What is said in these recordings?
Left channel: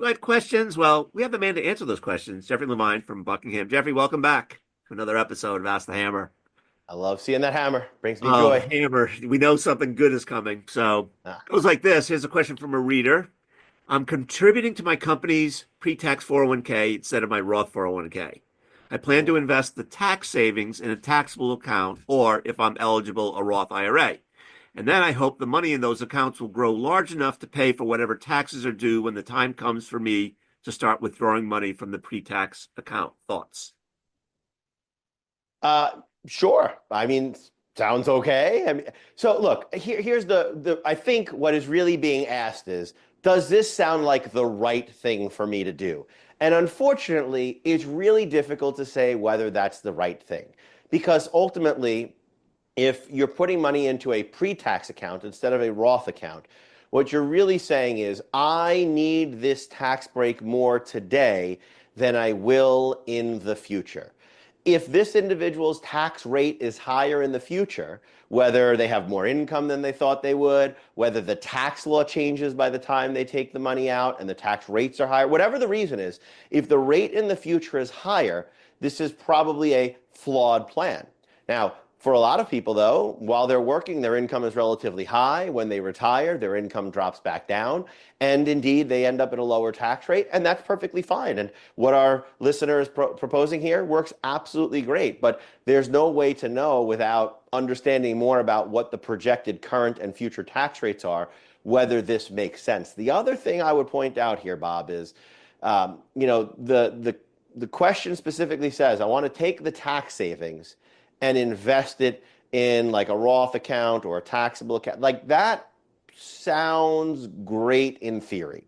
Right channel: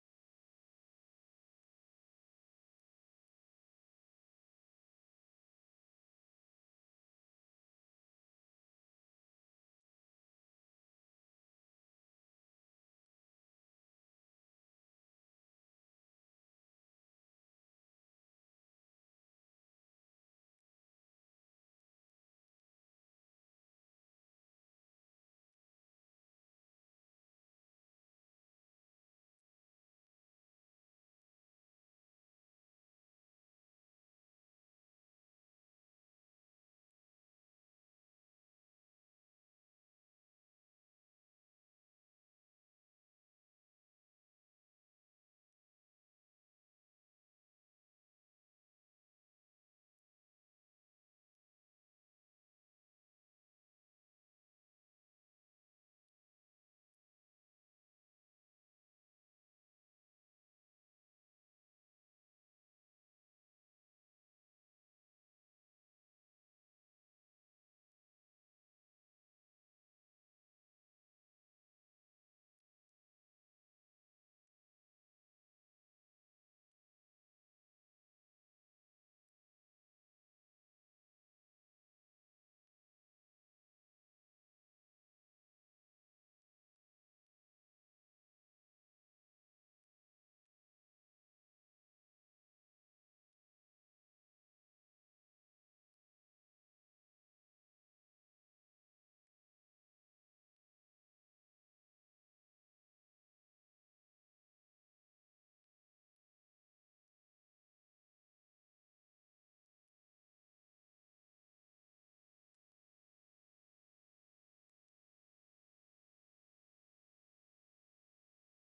got questions? Well, we have a man to answer those questions. Jeffrey Levine from Buckingham. Jeffrey, welcome back to another episode of Ask the Hammer. I love seeing that hammer. Brings me Oh, joy. Hammer, we know something good is coming. So Ah, it goes like this. Here's a question from a reader. I'm contributing to my company's pre-tax 401k instead of my Roth 401k. I plan to ooh. invest the tax savings in a taxable account or, if I'm eligible, a Roth IRA. And then I hope the money in those accounts will grow large enough to pay for whatever taxes are due when the time comes for me to start withdrawing money from the pre-tax account. Thoughts? Uh, sure. I mean, sounds okay. I mean, so look, here's the I think what is really being asked is, does this sound like the right thing for me to do? And unfortunately, it's really difficult to say whether that's the right thing. Because ultimately, if you're putting money into a pre-tax account instead of a Roth account, what you're really saying is, I need this tax break more today than I will in the future. If this individual's tax rate is higher in the future, whether they have more income than they thought they would, whether the tax law changes by the time they take the money out and the tax rates are higher, whatever the reason is, if the rate in the future is higher, this is probably a flawed plan. Now, for a lot of people, though, while they're working, their income is relatively high. When they retire, their income drops back down. And indeed, they end up at a lower tax rate, and that's perfectly fine. And what our listener is proposing here works absolutely great. But there's no way to know without understanding more about what the projected current and future tax rates are, whether this makes sense. The other thing I would point out here, Bob, is the question specifically says, I want to take the tax savings and invest it in like a Roth account or a taxable account. Like that sounds great in theory.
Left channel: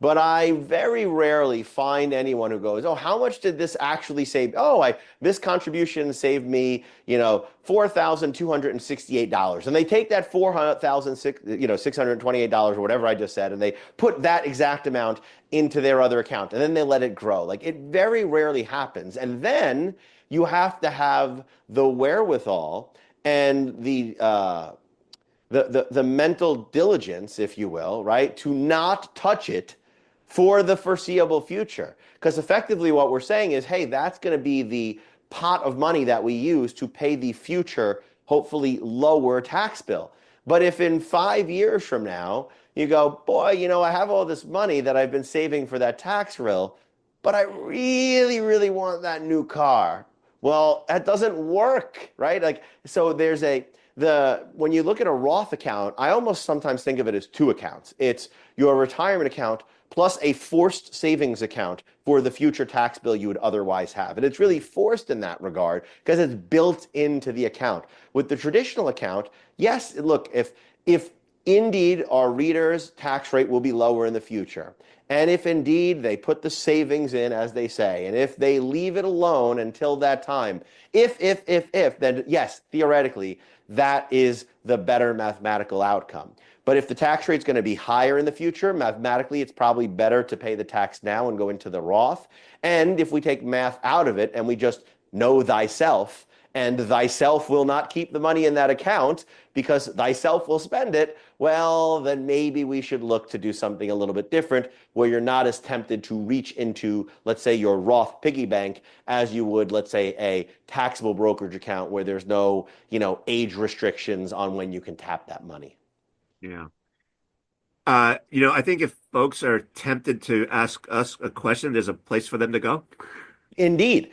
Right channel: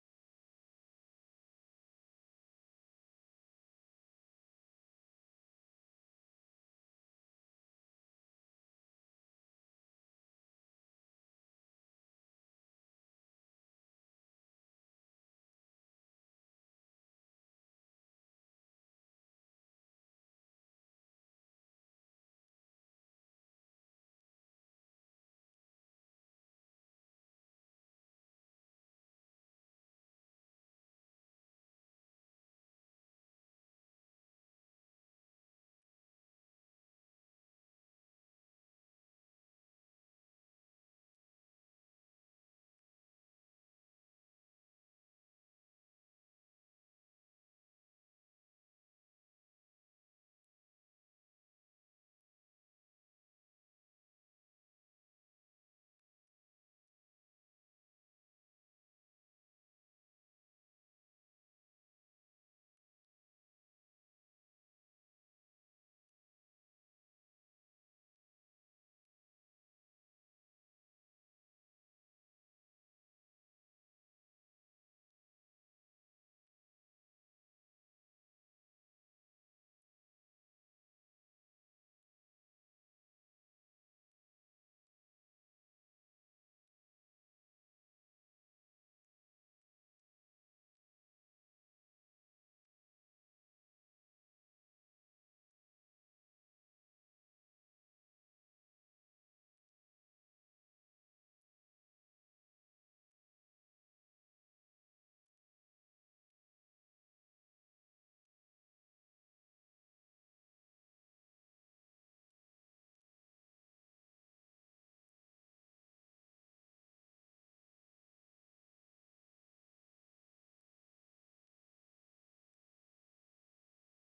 But I very rarely find anyone who goes, oh, how much did this actually save? Oh, this contribution saved me, $4,268. And they take that $628 or whatever I just said, and they put that exact amount into their other account, and then they let it grow. Like it very rarely happens. And then you have to have the wherewithal and the mental diligence, if you will, right, to not touch it for the foreseeable future. Because effectively what we're saying is, hey, that's going to be the pot of money that we use to pay the future, hopefully lower tax bill. But if in 5 years from now, you go, boy, I have all this money that I've been saving for that tax bill, but I really, really want that new car. Well, that doesn't work, right? Like, so when you look at a Roth account, I almost sometimes think of it as two accounts. It's your retirement account plus a forced savings account for the future tax bill you would otherwise have. And it's really forced in that regard because it's built into the account. With the traditional account, yes, look, if indeed our readers' tax rate will be lower in the future, and if indeed they put the savings in, as they say, and if they leave it alone until that time, if, then yes, theoretically, that is the better mathematical outcome. But if the tax rate's going to be higher in the future, mathematically, it's probably better to pay the tax now and go into the Roth. And if we take math out of it and we just know thyself, and thyself will not keep the money in that account because thyself will spend it, well, then maybe we should look to do something a little bit different where you're not as tempted to reach into, let's say, your Roth piggy bank as you would, let's say, a taxable brokerage account where there's no, age restrictions on when you can tap that money. Yeah. I think if folks are tempted to ask us a question, there's a place for them to go. Indeed.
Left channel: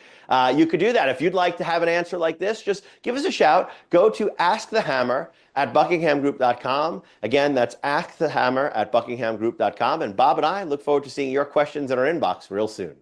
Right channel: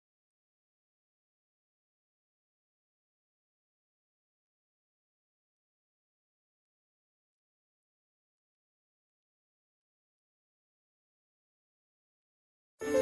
You could do that. If you'd like to have an answer like this, just give us a shout. Go to askthehammer@buckinghamgroup.com. Again, that's askthehammer@buckinghamgroup.com. And Bob and I look forward to seeing your questions in our inbox real soon.